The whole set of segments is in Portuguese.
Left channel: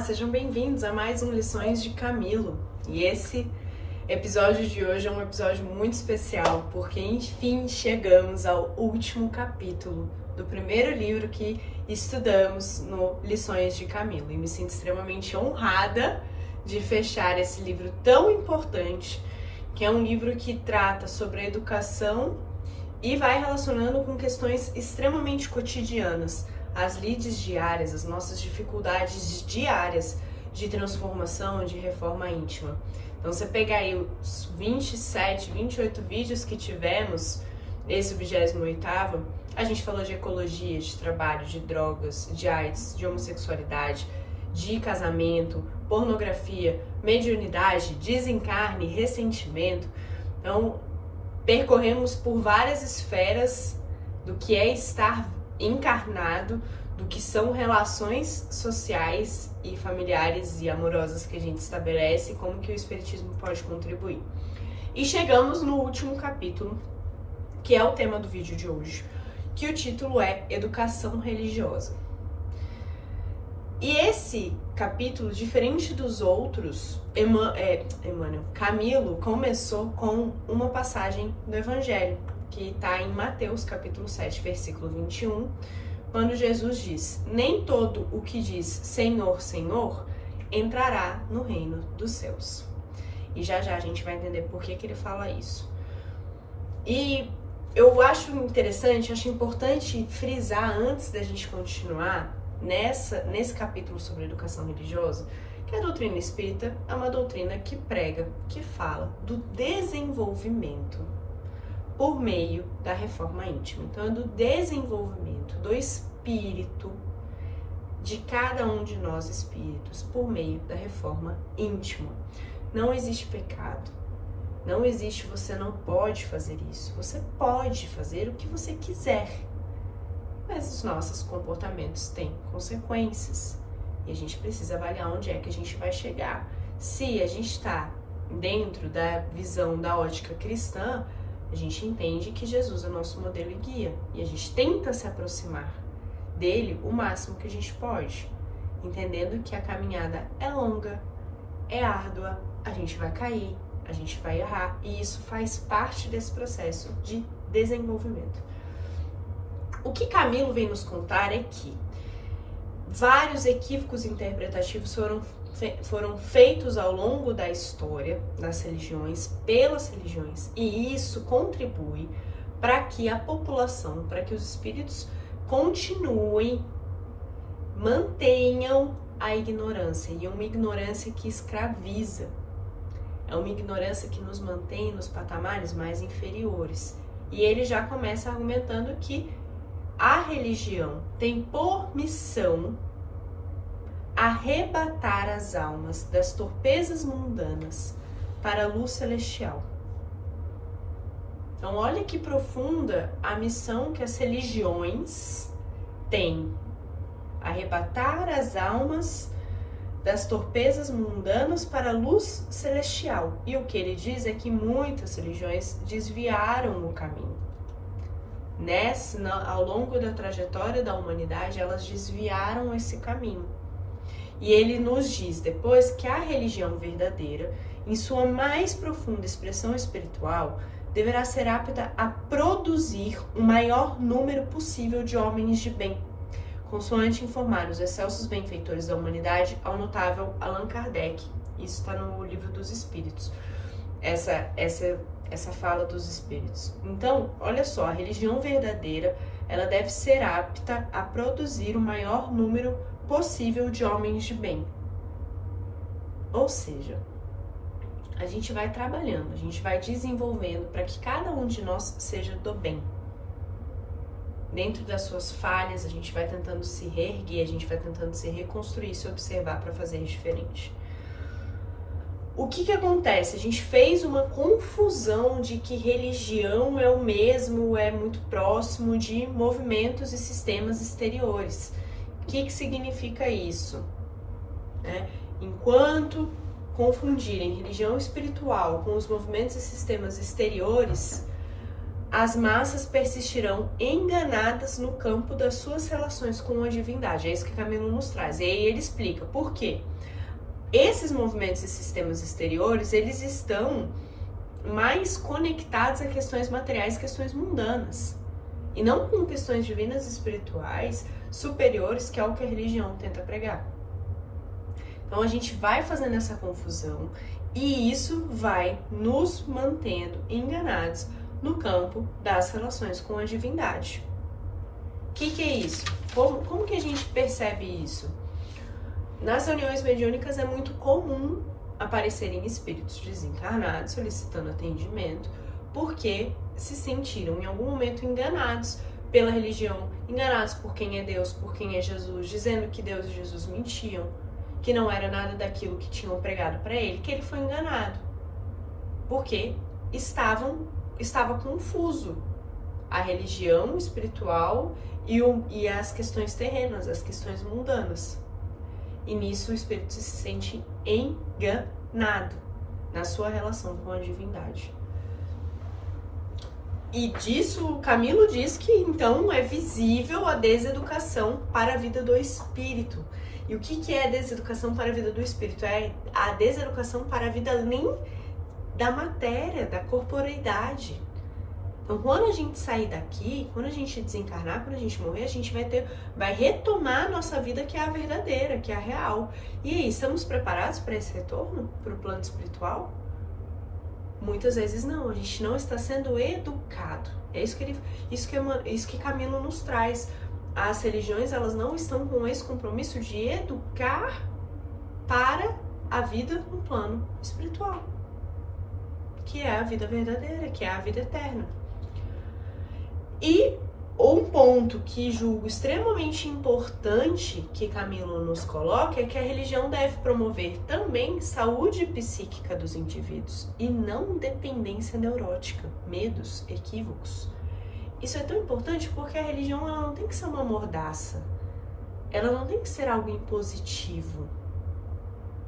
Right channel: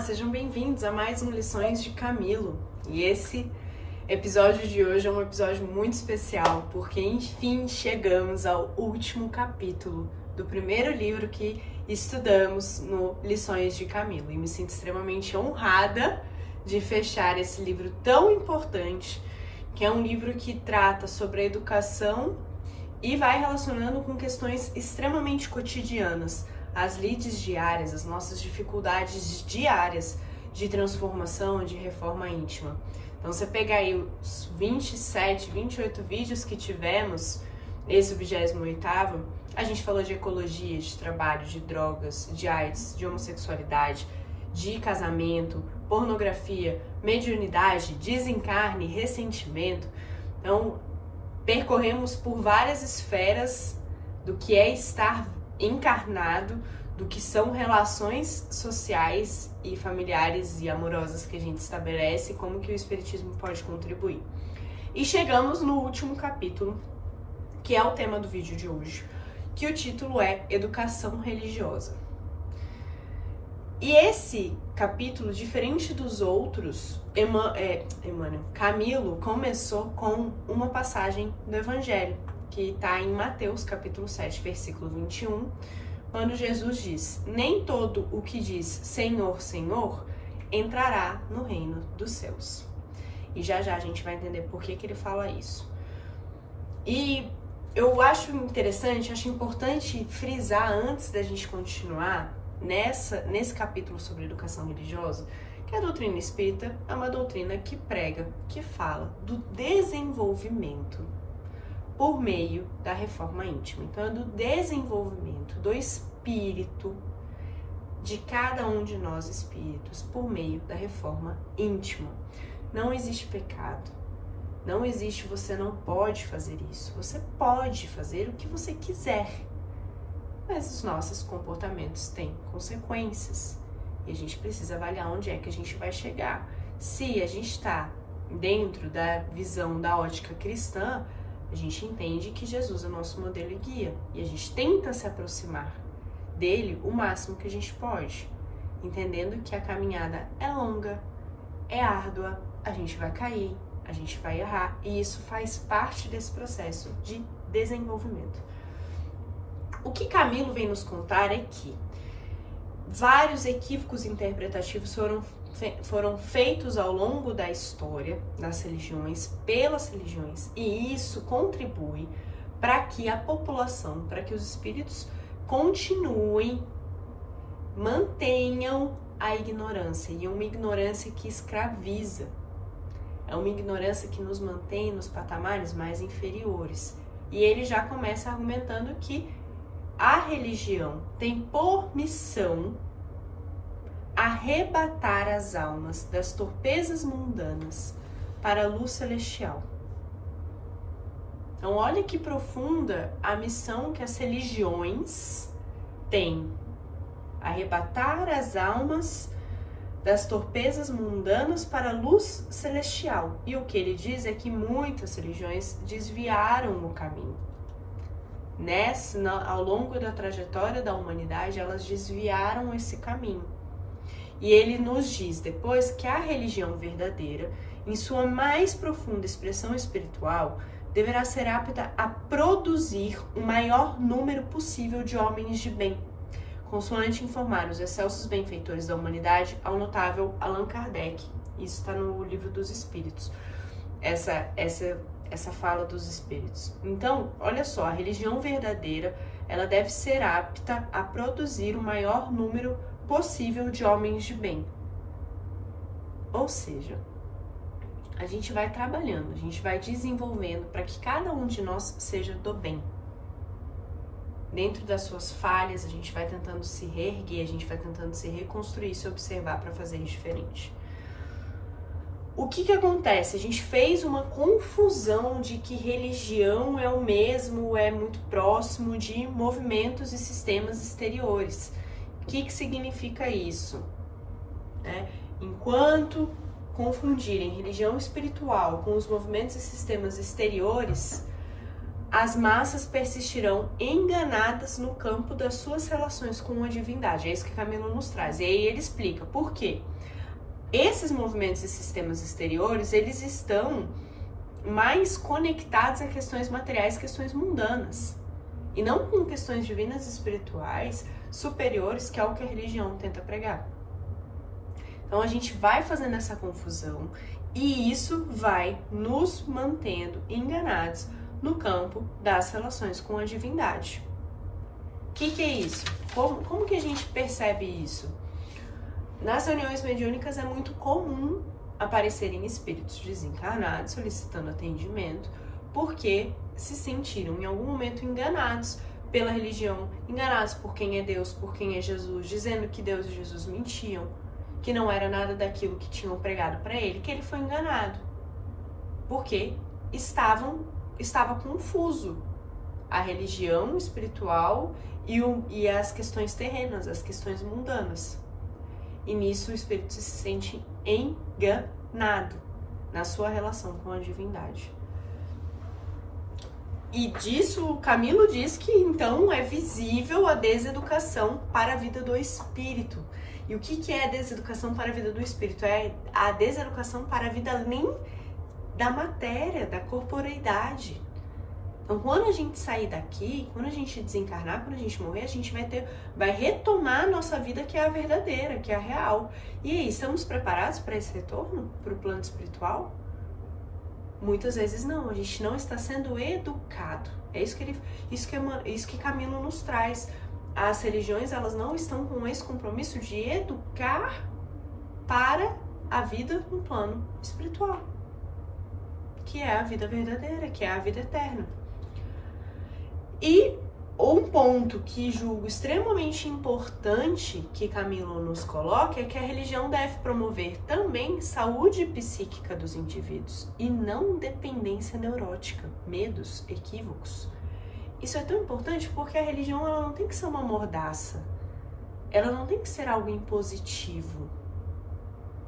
Olá, sejam bem-vindos a mais um Lições de Camilo. E esse episódio de hoje é um episódio muito especial, porque enfim chegamos ao último capítulo do primeiro livro que estudamos no Lições de Camilo. E me sinto extremamente honrada de fechar esse livro tão importante, que é um livro que trata sobre a educação e vai relacionando com questões extremamente cotidianas, as lides diárias, as nossas dificuldades diárias de transformação, de reforma íntima. Então você pega aí os 27, 28 vídeos que tivemos, esse 28º, a gente falou de ecologia, de trabalho, de drogas, de AIDS, de homossexualidade, de casamento, pornografia, mediunidade, desencarne, ressentimento. Então percorremos por várias esferas do que é estar encarnado, do que são relações sociais e familiares e amorosas que a gente estabelece e como que o Espiritismo pode contribuir. E chegamos no último capítulo, que é o tema do vídeo de hoje, que o título é Educação Religiosa. E esse capítulo, diferente dos outros, Camilo começou com uma passagem do Evangelho, que está em Mateus capítulo 7, versículo 21, quando Jesus diz: nem todo o que diz Senhor, Senhor, entrará no reino dos céus. E já já a gente vai entender por que ele fala isso. E eu acho interessante, acho importante frisar antes da gente continuar nesse capítulo sobre educação religiosa, que a doutrina espírita é uma doutrina que prega, que fala do desenvolvimento por meio da reforma íntima. Então, é do desenvolvimento do espírito de cada um de nós espíritos por meio da reforma íntima. Não existe pecado. Não existe você não pode fazer isso. Você pode fazer o que você quiser. Mas os nossos comportamentos têm consequências. E a gente precisa avaliar onde é que a gente vai chegar. Se a gente está dentro da visão da ótica cristã, a gente entende que Jesus é o nosso modelo e guia. E a gente tenta se aproximar dele o máximo que a gente pode. Entendendo que a caminhada é longa, é árdua, a gente vai cair, a gente vai errar. E isso faz parte desse processo de desenvolvimento. O que Camilo vem nos contar é que vários equívocos interpretativos foram feitos ao longo da história das religiões, pelas religiões, e isso contribui para que a população, para que os espíritos continuem, mantenham a ignorância, e uma ignorância que escraviza, é uma ignorância que nos mantém nos patamares mais inferiores. E ele já começa argumentando que a religião tem por missão arrebatar as almas das torpezas mundanas para a luz celestial. Então, olha que profunda a missão que as religiões têm. Arrebatar as almas das torpezas mundanas para a luz celestial. E o que ele diz é que muitas religiões desviaram o caminho. Ao longo da trajetória da humanidade, elas desviaram esse caminho. E ele nos diz depois que a religião verdadeira, em sua mais profunda expressão espiritual, deverá ser apta a produzir o maior número possível de homens de bem, consoante informar os excelsos benfeitores da humanidade ao notável Allan Kardec. Isso está no Livro dos Espíritos, essa fala dos espíritos. Então, olha só, a religião verdadeira, ela deve ser apta a produzir o maior número possível de homens de bem. Ou seja, a gente vai trabalhando, a gente vai desenvolvendo para que cada um de nós seja do bem. Dentro das suas falhas, a gente vai tentando se reerguer, a gente vai tentando se reconstruir, se observar para fazer diferente. O que acontece? A gente fez uma confusão de que religião é o mesmo, é muito próximo de movimentos e sistemas exteriores. O que significa isso? Enquanto confundirem religião espiritual com os movimentos e sistemas exteriores, as massas persistirão enganadas no campo das suas relações com a divindade. É isso que Camilo nos traz. E aí ele explica por quê. Esses movimentos e sistemas exteriores, eles estão mais conectados a questões materiais, questões mundanas, e não com questões divinas e espirituais superiores, que é o que a religião tenta pregar. Então a gente vai fazendo essa confusão e isso vai nos mantendo enganados no campo das relações com a divindade. O que é isso? Como que a gente percebe isso? Nas reuniões mediúnicas é muito comum aparecerem espíritos desencarnados solicitando atendimento porque se sentiram em algum momento enganados pela religião, enganados por quem é Deus, por quem é Jesus, dizendo que Deus e Jesus mentiam, que não era nada daquilo que tinham pregado para ele, que ele foi enganado, porque estava confuso a religião espiritual e as questões terrenas, as questões mundanas. E nisso o espírito se sente enganado na sua relação com a divindade. E disso o Camilo diz que então é visível a deseducação para a vida do espírito. E o que é a deseducação para a vida do espírito? É a deseducação para a vida além da matéria, da corporeidade. Então, quando a gente sair daqui, quando a gente desencarnar, quando a gente morrer, a gente vai retomar a nossa vida, que é a verdadeira, que é a real. E aí, estamos preparados para esse retorno, para o plano espiritual? Muitas vezes não, a gente não está sendo educado. É isso que Camilo nos traz. As religiões, elas não estão com esse compromisso de educar para a vida no plano espiritual, que é a vida verdadeira, que é a vida eterna. E um ponto que julgo extremamente importante que Camilo nos coloca é que a religião deve promover também saúde psíquica dos indivíduos e não dependência neurótica, medos, equívocos. Isso é tão importante porque a religião, ela não tem que ser uma mordaça, ela não tem que ser algo impositivo,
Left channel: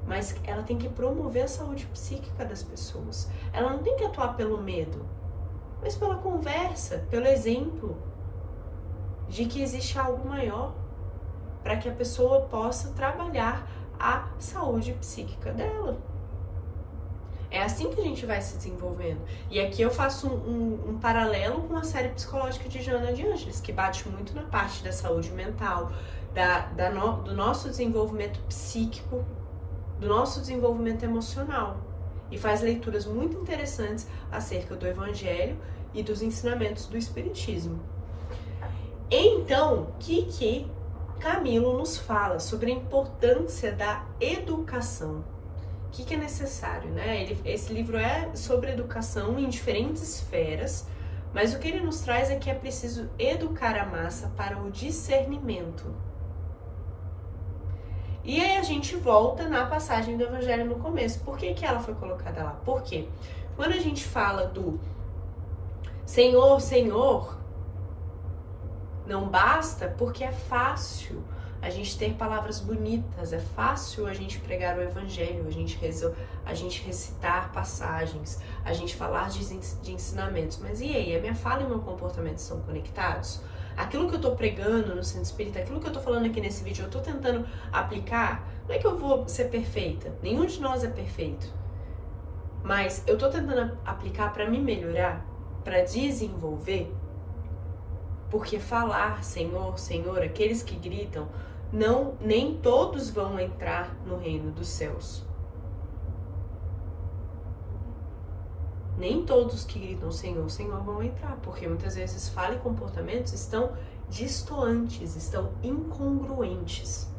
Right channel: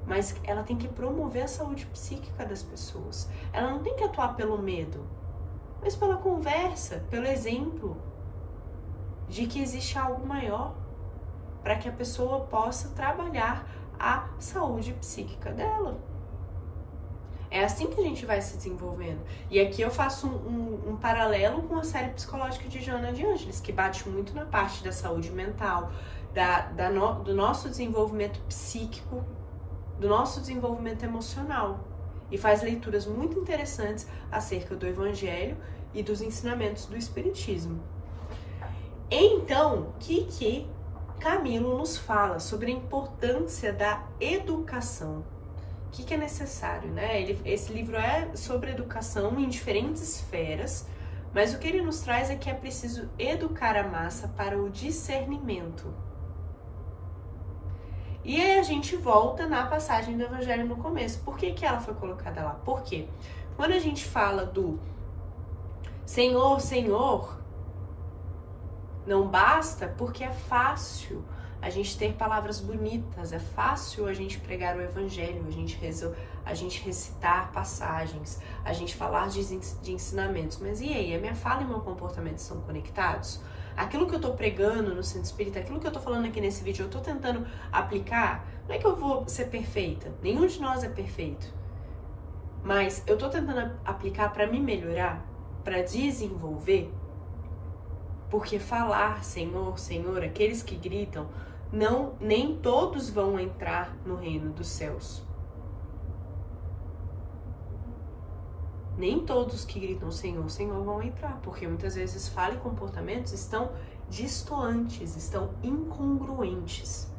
mas ela tem que promover a saúde psíquica das pessoas. Ela não tem que atuar pelo medo, mas pela conversa, pelo exemplo de que existe algo maior para que a pessoa possa trabalhar a saúde psíquica dela. É assim que a gente vai se desenvolvendo. E aqui eu faço um paralelo com a série psicológica de Joana de Ângeles, que bate muito na parte da saúde mental, do nosso desenvolvimento psíquico, do nosso desenvolvimento emocional. E faz leituras muito interessantes acerca do Evangelho e dos ensinamentos do Espiritismo. Então, o que Camilo nos fala sobre a importância da educação? O que é necessário, né? Esse livro é sobre educação em diferentes esferas, mas o que ele nos traz é que é preciso educar a massa para o discernimento. E aí a gente volta na passagem do Evangelho no começo. Por que ela foi colocada lá? Porque quando a gente fala do Senhor, Senhor, não basta, porque é fácil a gente ter palavras bonitas, é fácil a gente pregar o Evangelho, a gente recitar passagens, a gente falar de ensinamentos. Mas e aí, a minha fala e o meu comportamento estão conectados? Aquilo que eu tô pregando no Centro Espírita, aquilo que eu tô falando aqui nesse vídeo, eu tô tentando aplicar, não é que eu vou ser perfeita, nenhum de nós é perfeito, mas eu tô tentando aplicar para me melhorar, para desenvolver, porque falar Senhor, Senhor, aqueles que gritam, nem todos vão entrar no reino dos céus. Nem todos que gritam Senhor, Senhor vão entrar, porque muitas vezes fala e comportamentos estão distoantes, estão incongruentes.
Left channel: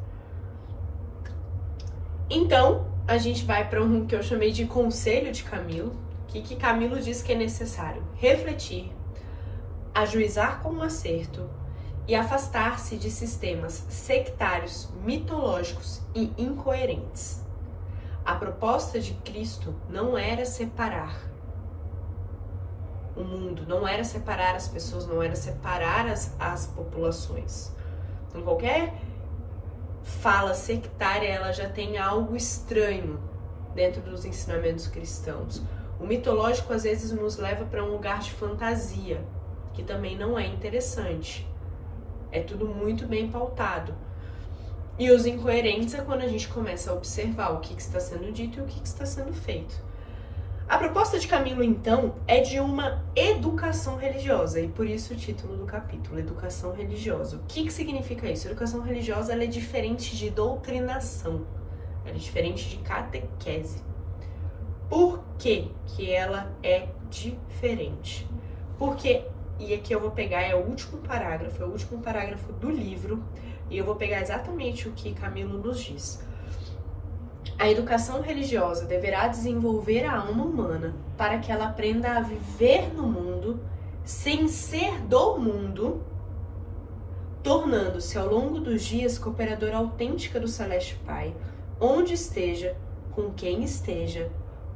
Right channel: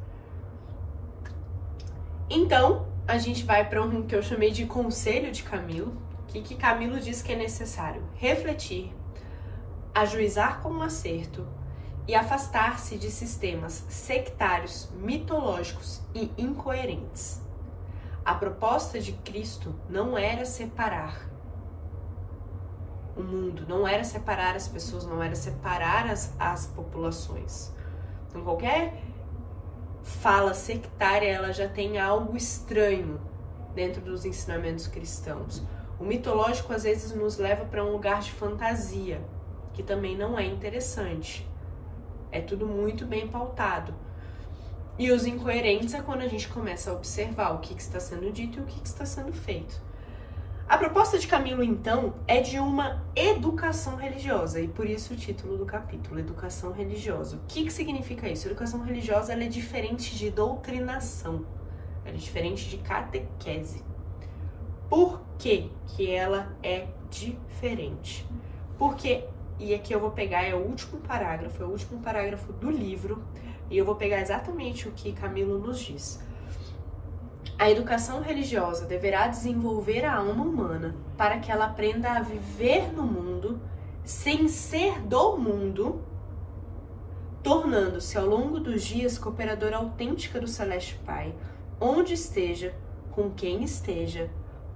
Então, a gente vai para um que eu chamei de conselho de Camilo, que Camilo diz que é necessário refletir, ajuizar com acerto e afastar-se de sistemas sectários, mitológicos e incoerentes. A proposta de Cristo não era separar o mundo, não era separar as pessoas, não era separar as populações. Então, qualquer fala sectária, ela já tem algo estranho dentro dos ensinamentos cristãos. O mitológico às vezes nos leva para um lugar de fantasia, que também não é interessante. É tudo muito bem pautado. E os incoerentes é quando a gente começa a observar o que está sendo dito e o que está sendo feito. A proposta de Camilo, então, é de uma educação religiosa, e por isso o título do capítulo, Educação Religiosa. O que significa isso? Educação religiosa ela é diferente de doutrinação, ela é diferente de catequese. Por que que ela é diferente? Porque, e aqui eu vou pegar, é o último parágrafo do livro, e eu vou pegar exatamente o que Camilo nos diz. A educação religiosa deverá desenvolver a alma humana para que ela aprenda a viver no mundo sem ser do mundo, tornando-se ao longo dos dias cooperadora autêntica do Celeste Pai, onde esteja, com quem esteja,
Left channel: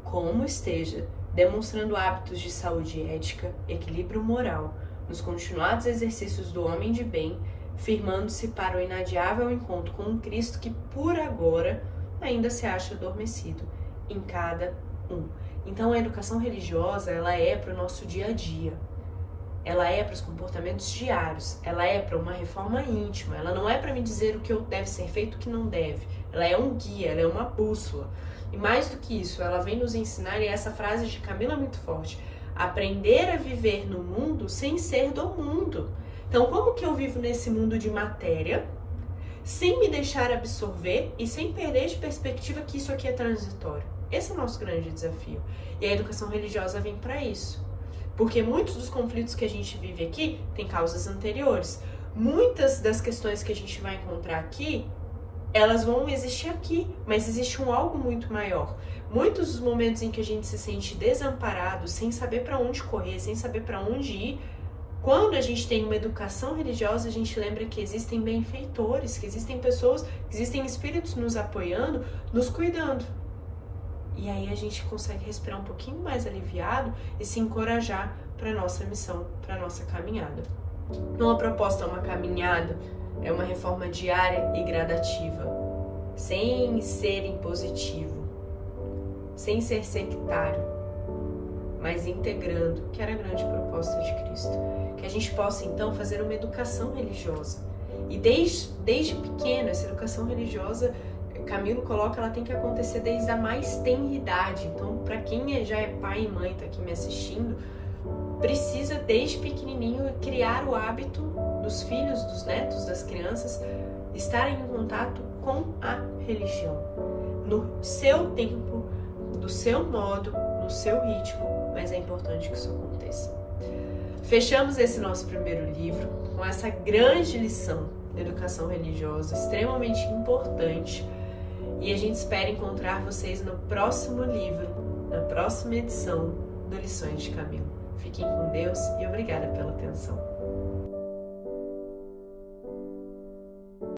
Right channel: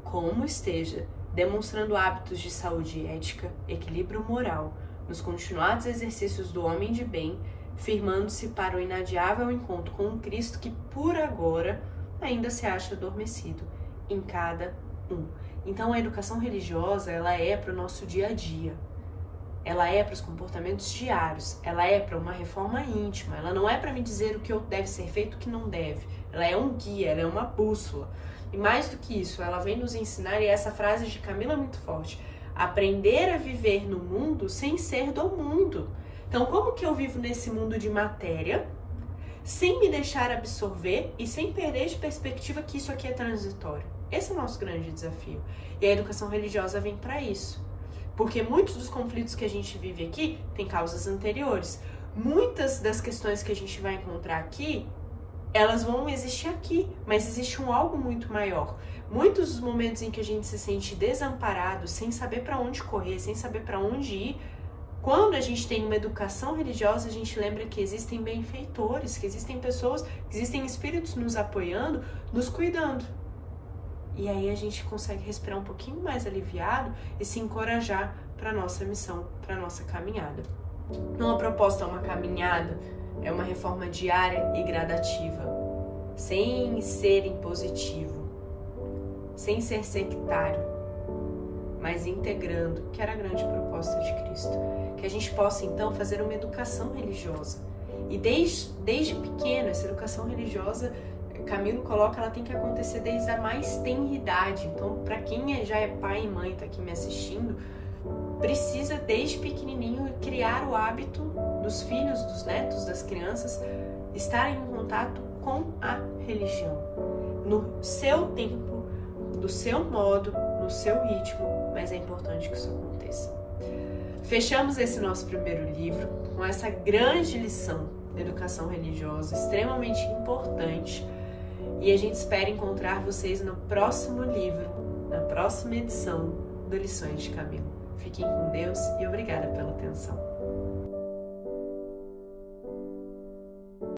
como esteja, demonstrando hábitos de saúde ética, equilíbrio moral, nos continuados exercícios do homem de bem, firmando-se para o inadiável encontro com um Cristo que, por agora, ainda se acha adormecido em cada um. Então, a educação religiosa, ela é para o nosso dia a dia. Ela é para os comportamentos diários. Ela é para uma reforma íntima. Ela não é para me dizer o que deve ser feito e o que não deve. Ela é um guia, ela é uma bússola. E mais do que isso, ela vem nos ensinar, e essa frase de Camilo é muito forte, aprender a viver no mundo sem ser do mundo. Então, como que eu vivo nesse mundo de matéria, sem me deixar absorver e sem perder de perspectiva que isso aqui é transitório? Esse é o nosso grande desafio. E a educação religiosa vem para isso. Porque muitos dos conflitos que a gente vive aqui têm causas anteriores. Muitas das questões que a gente vai encontrar aqui, elas vão existir aqui, mas existe um algo muito maior. Muitos dos momentos em que a gente se sente desamparado, sem saber para onde correr, sem saber para onde ir, quando a gente tem uma educação religiosa, a gente lembra que existem benfeitores, que existem pessoas, que existem espíritos nos apoiando, nos cuidando. E aí a gente consegue respirar um pouquinho mais aliviado e se encorajar para a nossa missão, para a nossa caminhada. Não a proposta é uma caminhada, é uma reforma diária e gradativa, sem ser impositivo, sem ser sectário, mas integrando, que era a grande proposta de Cristo. Que a gente possa, então, fazer uma educação religiosa. E desde pequeno, essa educação religiosa, Camilo coloca, ela tem que acontecer desde a mais tenra idade. Então, para quem já é pai e mãe, está aqui me assistindo, precisa, desde pequenininho, criar o hábito dos filhos, dos netos, das crianças, estarem em contato com a religião. No seu tempo, do seu modo, no seu ritmo, mas é importante que isso aconteça. Fechamos esse nosso primeiro livro com essa grande lição de educação religiosa, extremamente importante, e a gente espera encontrar vocês no próximo livro, na próxima edição do Lições de Camilo. Fiquem com Deus e obrigada pela atenção.